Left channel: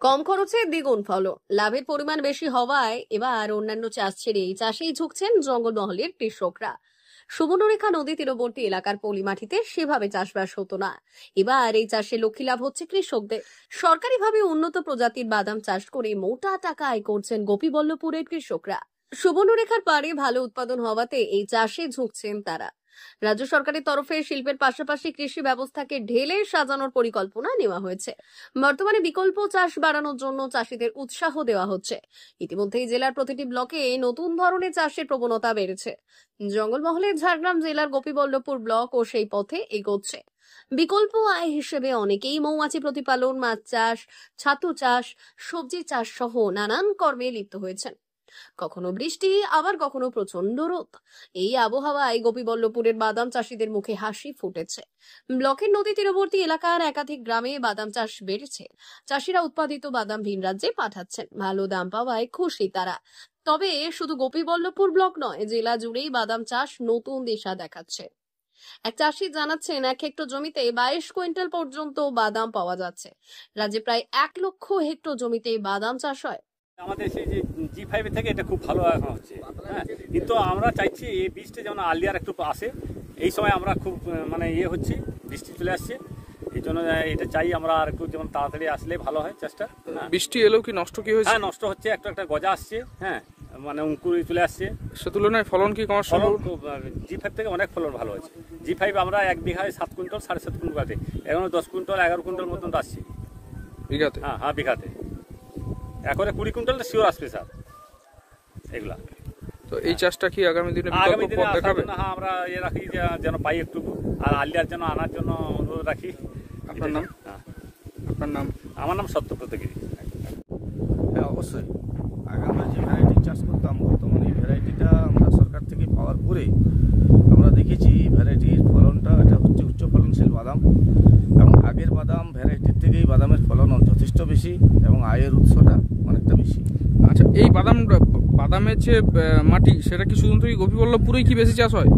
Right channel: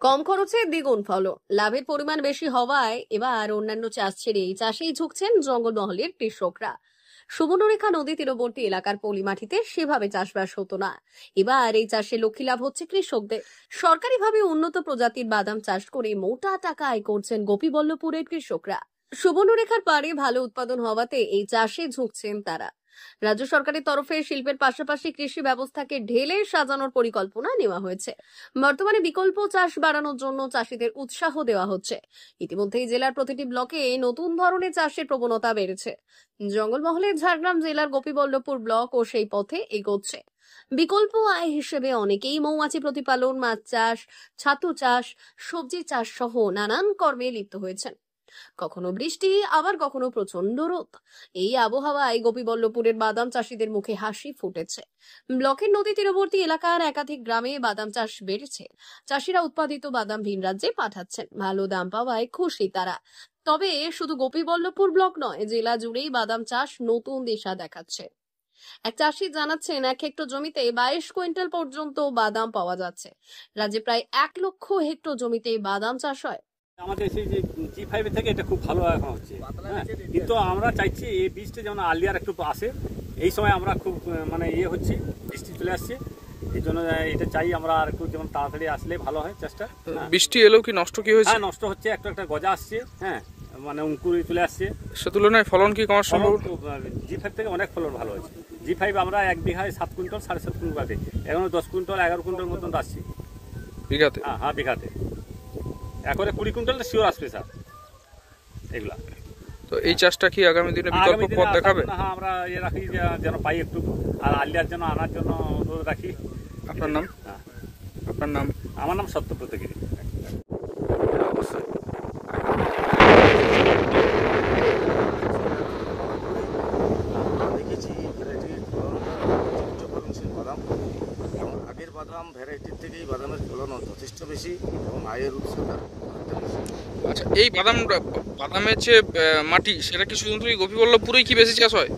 কম খরচে দ্বিগুণ ফলন, লাভের পরিমাণ বেশি হওয়ায় এবার অন্যান্য চাষ ছেড়ে এই চাষেই ঝুঁকছেন জঙ্গলমহলের কৃষকরা। সুবর্ণরেখা নদী তীরবর্তী এলাকার পলি মাটিতে সেভাবে চাষবাস হতো না। এবার এই চাষে লক্ষ্মী লাভ হচ্ছে কৃষকদের। সরকারিভাবে উন্নত প্রজাতির বাদাম চাষ করে মোটা টাকা আয় করছেন গোপীবল্লভপুরের কৃষকরা। সুবর্ণরেখার পাড়ে ভালো উৎপাদন হওয়াতে এই চাষে ঝুঁকছেন তারা। রাজ্য সরকারের তরফে শিল্পের পাশাপাশি কৃষি ব্যবস্থাকে ঢেলে সাজানোর পরিকল্পনা নেওয়া হয়েছে। বর্তমানে বিকল্প চাষ বাড়ানোর জন্য চাষীদের উৎসাহ দেওয়া হচ্ছে। ইতিমধ্যেই জেলার প্রতিটি ব্লকে নতুন ধরনের চাষের প্রবণতা বেড়েছে। জঙ্গলমহলের ঝাড়গ্রাম জেলার গোপীবল্লভপুর ব্লক ও সেই পথে এগোচ্ছে। বিকল্প আয় হিসেবে অনেকেই মৌমাছি প্রতিপালন, মাছ চাষ, ছাতু চাষ, সবজি চাষ সহ নানান কর্মে লিপ্ত হয়েছেন। কখনো বৃষ্টি, আবার কখনো প্রচন্ড রোদ। এই আবহাওয়ায় গোপীবল্লভপুরের বাদাম চাষীদের মুখে হাসি ফুটেছে। ব্লকের নদী তীরবর্তী এলাকার একাধিক গ্রামে বাদাম চাষ বেড়েছে। চাষিরা উৎপাদিত বাদাম ভিন রাজ্যে পাঠাচ্ছেন। ভালো দাম পাওয়ায় খুশি তারা। তবে শুধু গোপীবল্লভপুর ব্লক নয়, জেলা জুড়েই বাদাম চাষ নতুন দিশা দেখাচ্ছে। এক চাষি জানাচ্ছেন, 1 হেক্টর জমিতে 22 কুইন্টাল পর্যন্ত বাদাম পাওয়া যাচ্ছে। রাজ্যে প্রায় 1 লক্ষ হেক্টর জমিতে বাদাম চাষ হয়। আমাদের সেই যে G5 থেকে এটা খুব ভালো এখন হচ্ছে, কিন্তু আমরা চাইছি এই বীজটা যেমন আর্লিয়ার একটু আসে। এই সময় আমরা খুব মানে হচ্ছে, বৃষ্টি চলে আসছে, এই জন্য এটা চাই আমরা আর একটু যেমন তাড়াতাড়ি আসলে ভালো হয় চাষটা। বৃষ্টি এলেও কি নষ্ট কি হয়েছে? হ্যাঁ, নষ্ট হচ্ছে, একটা একটা গজা আসছে, হ্যাঁ মানে অঙ্কুরে চলে আসছে। সে তুলনায় ফলন কি কমার সম্ভব? G5 থেকে অনেক ফলন ভালো হয়েছে। G5 আমরা 1 বিঘায় 7 কুইন্টাল 7.5 কুইন্টাল আছে, এখন 10 কুইন্টাল 11 কুইন্টাল মতন আসছে বিঘাতে। হ্যাঁ বিঘাতে, একবারে 20 কুইন্টাল শিওর আসবে স্যার এগুলা। তো এই চাষটা কি আগামী দিনে বিকল্প পথ দেখাবে? হ্যাঁ, আমরা রাখি যেন পাই একটু, আর আলিয়ার জন্য আনার জন্য অনুরোধ রাখি। আপনার নাম? আপনার নাম? আমার নাম সত্যব্রত গিরি। অবশ্যই আমরা দেখেছি ভ্যারাইটির ফলনটা উচ্চ ফলনশীল বাদাম, এবং আগের বাদাম ভ্যারাইটির থেকেই বাদামের ফলন যথেষ্ট বেশি এবং আয়ের উৎসটা অনেকটা বেশি। আচ্ছা, এই বাদামের যে মাটি, সেটা কি শুধুমাত্র গোপীবল্লভপুরেই কি বেশি চাষ হয়?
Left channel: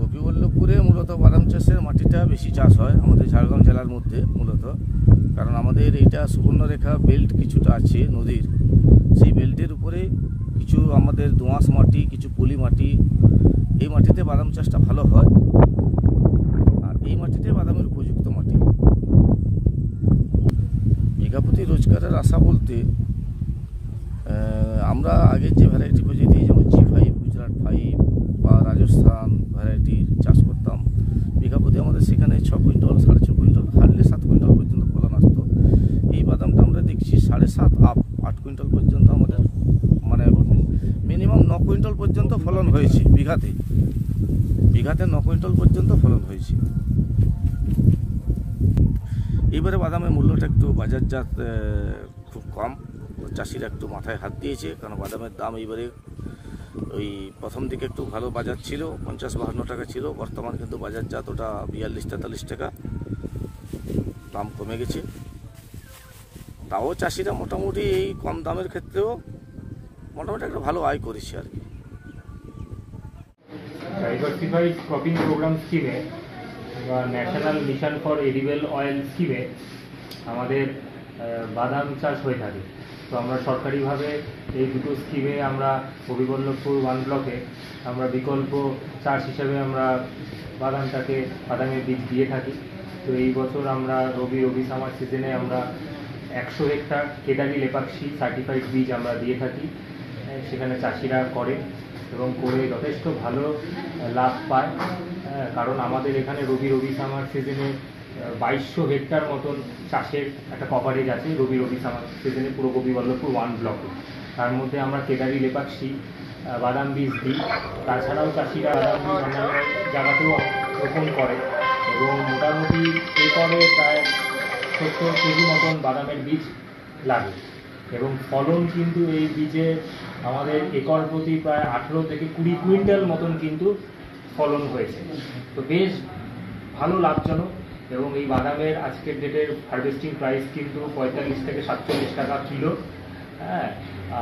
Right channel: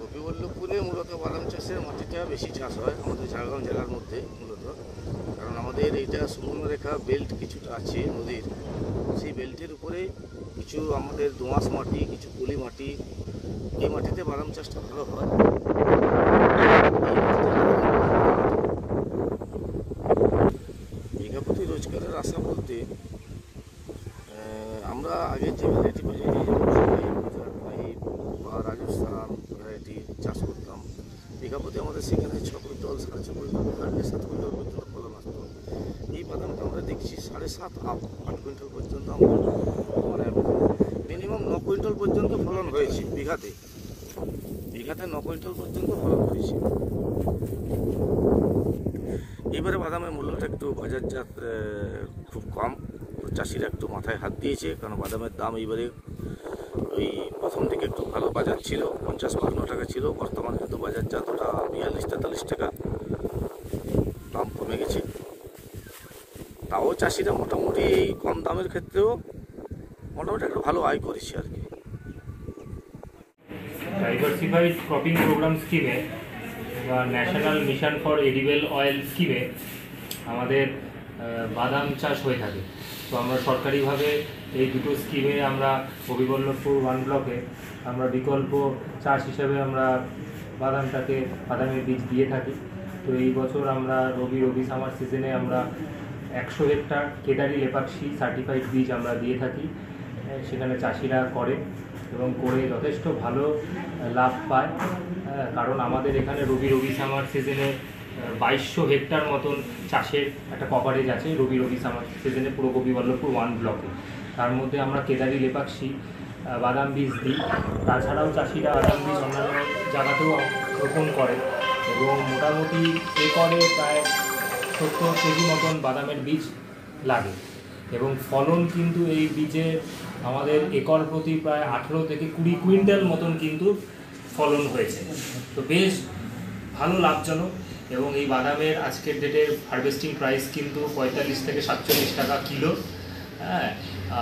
গোপীবল্লভপুরে মূলত বাদাম চাষের মাটিটা বেশি চাষ হয় আমাদের ঝাড়গ্রাম জেলার মধ্যে মূলত, কারণ আমাদের এইটা সুবর্ণরেখা বেল্ট কিছুটা আছে নদীর, সেই বেল্টের উপরে কিছু আমাদের দোঁয়াশ মাটি, কিছু পলি মাটি, এই মাটিতে বাদাম চাষটা ভালো হয়। বিঘাপতি রোজগারের আশা বলতে আমরা আগের যে ভ্যারাইটি প্রজাতি গুজরাট 5 বা রাজস্থান ভ্যারাইটি চাষ করতাম, বিঘাপতি আমাদের সেখানে 6 কুইন্টাল 6.5 কুইন্টাল হারলে 7 কুইন্টাল পর্যন্ত ফলন আসতো। এই বাদামটা আমরা দেখছি 7.5 8 কুইন্টাল পর্যন্ত আমাদের মানে মিনিমাম 9 কুইন্টাল পর্যন্ত ফলন হয়েছে বিঘাতে 9 কুইন্টাল পর্যন্ত ফলন হয়েছে। এবারে বাদামের মূল্যটা একটু বাজারজাত খুব কম, চাষিরা একটু মাথায় হাত দিয়েছে, কারণ বাদামের দাম এইবারে ওই প্রথম দিকে একটু ভালো বাজার ছিল, 50-52 টাকা ছিল, বর্তমান কিন্তু বাজারজাত ওটা 42-43 টাকা, দাম কমে গেছে। তাও চাষিরা মোটামুটি এই কম দামের ক্ষেত্রেও মোটামুটি একটা ভালো আয় করেছে আর কি। ডাইভার্সিফাইড ক্রপিং প্রোগ্রাম স্কিমে বা national mission for edible oil স্কিমে আমাদের বাদাম চাষ হয়ে থাকে। তো আমরা সরকারিভাবে এই দুটো স্কিমে আমরা গোপীবল্লভপুর 1 ব্লকে আমরা বিকল্প চাষ হিসেবে আমরা বাদামের বীজ দিয়ে থাকি। তো এই বছর আমরা রবি সামার সিজনে আমরা 100 হেক্টর কেদারি লেপাক্ষী সার্টিফাইড বীজ আমরা দিয়ে থাকি। সেখানে চাষিরা করে এবং করে যথেষ্ট ভালো লাভ পায়, কারণ আমাদের এখানে রবি সামার সিজনে 2200 হেক্টর মতন চাষের একটা কভারেজ আছে রবি সামার সিজনে পুরো গোপীবল্লভপুর 1 ব্লকে। তার মধ্যে আমরা কেদারি লেপাক্ষী বাদাম বীজ দিই, তাছাড়াও চাষিরা বাদাম বীজ অন্যান্য জায়গাতেও রোপণ করে এবং মোটামুটি একরে প্রায় 70 কেজি মতন বাদামের বীজ লাগে এবং ফলন কিন্তু এই বীজে আমাদের একর প্রতি প্রায় 18 থেকে 20 কুইন্টাল মতন কিন্তু ফলন হয়েছে। তো বেশ ভালো লাভজনক এবং এই বাদামের আজকের ডেটের হারভেস্টিং প্রাইস কিন্তু 45 থেকে 47 টাকা কিলো। হ্যাঁ,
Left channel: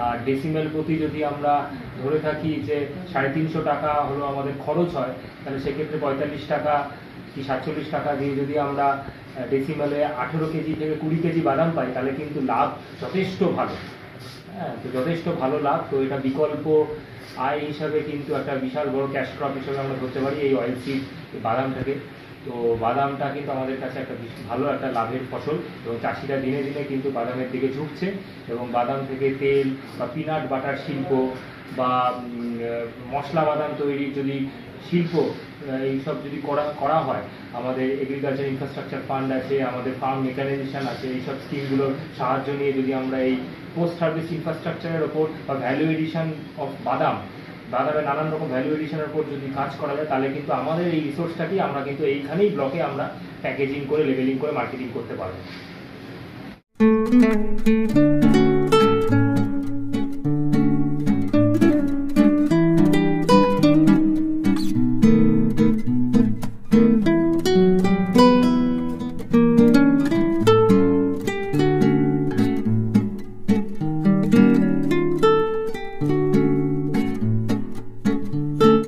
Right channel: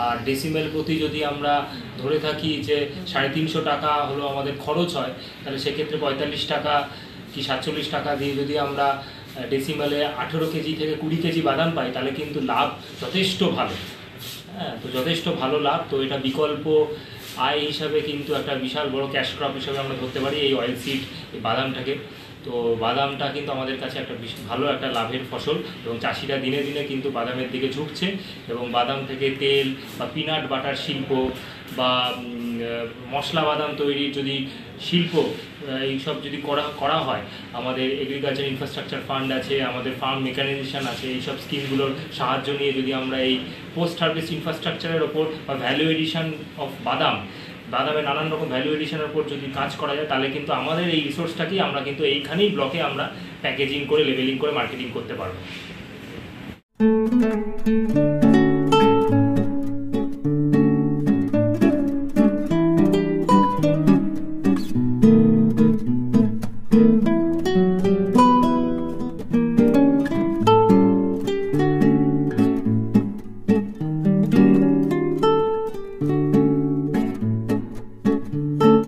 আর ডেসিমেল প্রতি যদি আমরা ধরে থাকি যে 350 টাকা হলো আমাদের খরচ হয়, তাহলে সেক্ষেত্রে 45 টাকা কি 47 টাকা দিয়ে যদি আমরা ডেসিমালে 18 কেজি থেকে 20 কেজি বাদাম পাই, তাহলে কিন্তু লাভ যথেষ্ট ভালো। হ্যাঁ, তো যথেষ্ট ভালো লাভ। তো এটা বিকল্প আয় হিসাবে কিন্তু একটা বিশাল বড় ক্যাশ ক্রপ হিসাবে আমরা ধরতে পারি এই অয়েল সিড, এই বাদামটাকে। তো বাদামটা কিন্তু আমাদের কাছে একটা ভালো একটা লাভের ফসল, এবং চাষিরা দিনে দিনে কিন্তু বাদামের দিকে ঝুঁকছে, এবং বাদাম থেকে তেল বা পিনাট বাটার শিল্প বা মশলা বাদাম তৈরির যদি শিল্প এইসব যদি করা হয়, আমাদের এগ্রিকালচার ইনফ্রাস্ট্রাকচার ফান্ড আছে, আমাদের ফার্ম মেকানাইজেশন আছে, এইসব স্কিমগুলোর সাহায্য নিয়ে যদি আমরা এই পোস্ট হারভেস্ট ইনফ্রাস্ট্রাকচারের ওপর বা ভ্যালু এডিশন অফ বাদামের নানান রকম ভ্যালু এডিশনের উপর যদি কাজ করা যায়, তাহলে কিন্তু আমাদের এই রিসোর্সটাকেই আমরা কিন্তু এইখানেই ব্লকে আমরা প্যাকেজিং করে লেবেলিং করে মার্কেটিং করতে পারবো।